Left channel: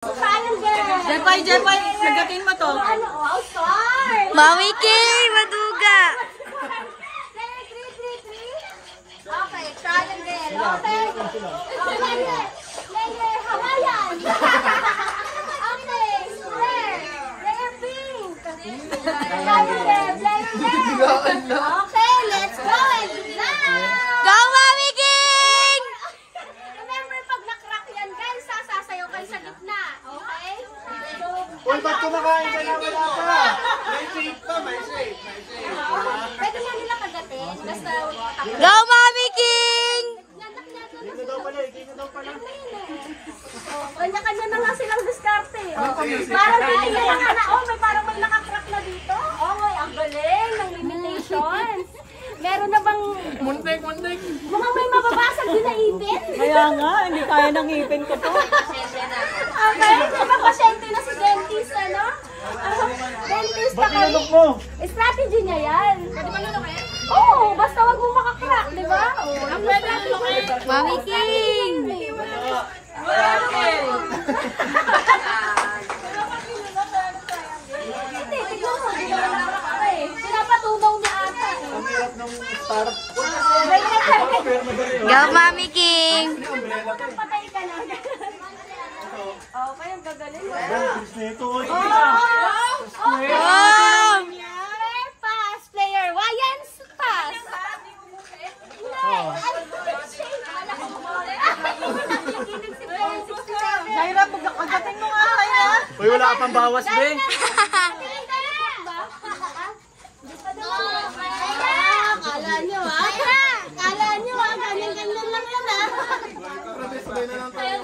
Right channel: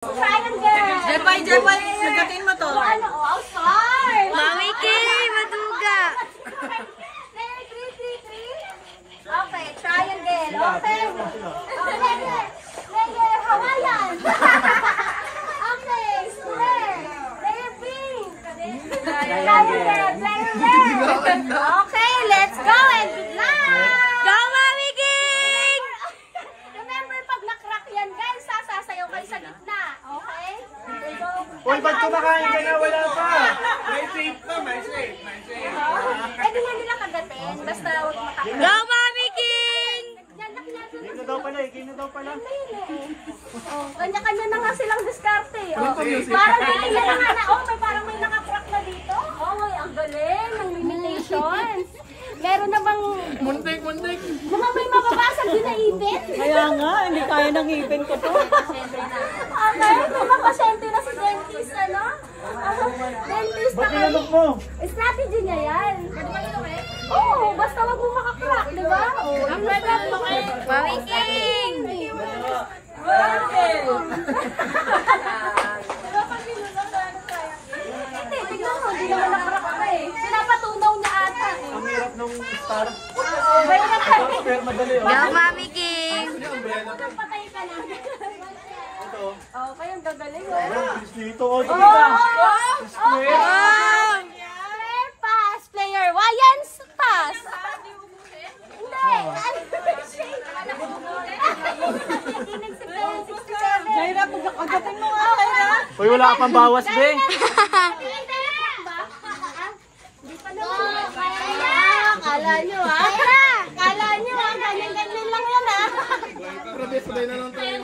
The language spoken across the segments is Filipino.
Jepoy, nagatin mo to. Ano? Outside! Mami Kay, maduga! Okay, triangle. Okay. Layer Hawaiian. Okay, square. Layer pink. Layer red. Okay, let's go and good luck. Go, Mami King! Remember, pag nakrak yan, guys, sasasayaw kayo sa gitna. Okay? Uy, ba't kumakain ka na? Wala pa! May shake pa, may shake. Pwede mo nila kagatin. Basta Go, Mami King! Game na daw pala eh, game na daw pala. Kanya-kanya na nga silang diskarte. Walang pa-music. Parang may nakakrak na dito. Oh, ang galing ng limitations. Meron na bang... Muntik! Mukhang may mababasag din na ipin. Kaya nga, hindi kaya ng ipin ko to. Okay, may pasyente na si dentist, ano? Dentist na Ba't kami. nilunok mo? Strategy niya yan. Pwede ba lunukin? Oo, basta wag mo makakrak, di ba? Oo, pwede lunukin. Mami King! Hindi, tignan mo, hindi naman nakrak ka eh. Pinapatunaw niya ata eh. Ang hirap nung star. Pero madali oh. Go, Mami King! Umbrella pa eh. Patay ka lang. Okay, ang gagaling. Fix na ito. Oh, Wow! Player pass, player Wayans pass. Jaira, pagkagatin mo nga, Jaira. Uy, wala ka pang bawas, be. Kala nyo ganyan-ganyan lang yan Sabay na lang tayo.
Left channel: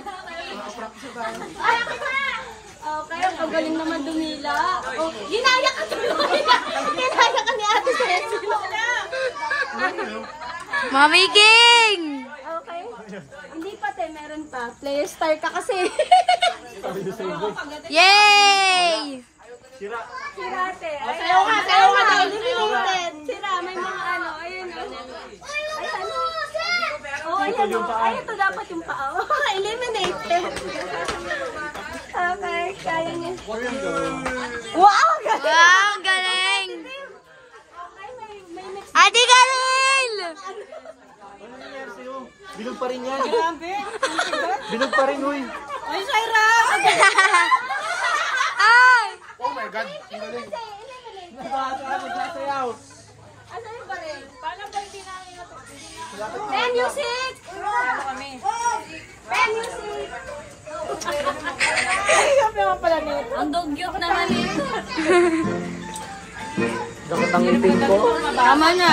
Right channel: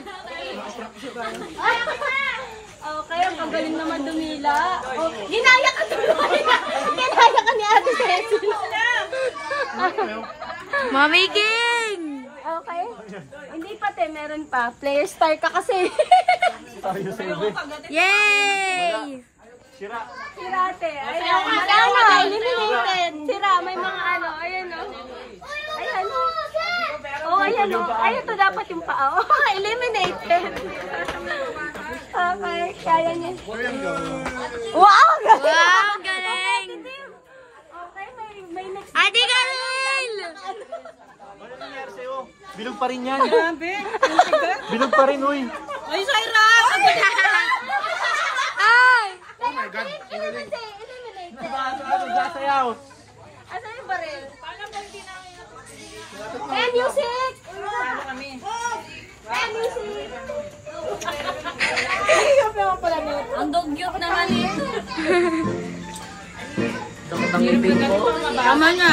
Okay, ang galing naman dumila. Oh, ginaya ka tuloy. Ginaya ka ni Ate Cecil. Mami King! Okay. Hindi pa te, meron pa. Player star ka kasi. Yay! Sira. Sira te. Sayaw ka na. Eliminated. Sira, may mga ano. Ayan o. Ayan o. Oh, ayan o. Ayan to dapat yung paa. Oh, eliminated. Okay, kaya niya. Wow! Wow, galing! Okay, may next. Ate Karel! Ano nangyari sa'yo? Bilog pa rin yan. Grabe, ang tigas. Bilog pa rin, uy. Ay, Jaira! Ay! Oh my God. Eliminated. Nagsasayaw. Ano yung baril? Pen music! Ano kami? Pen music! Ayop naman pala nito. Ang dugyot naman eh. Dapat ang ipin ko. Tama na.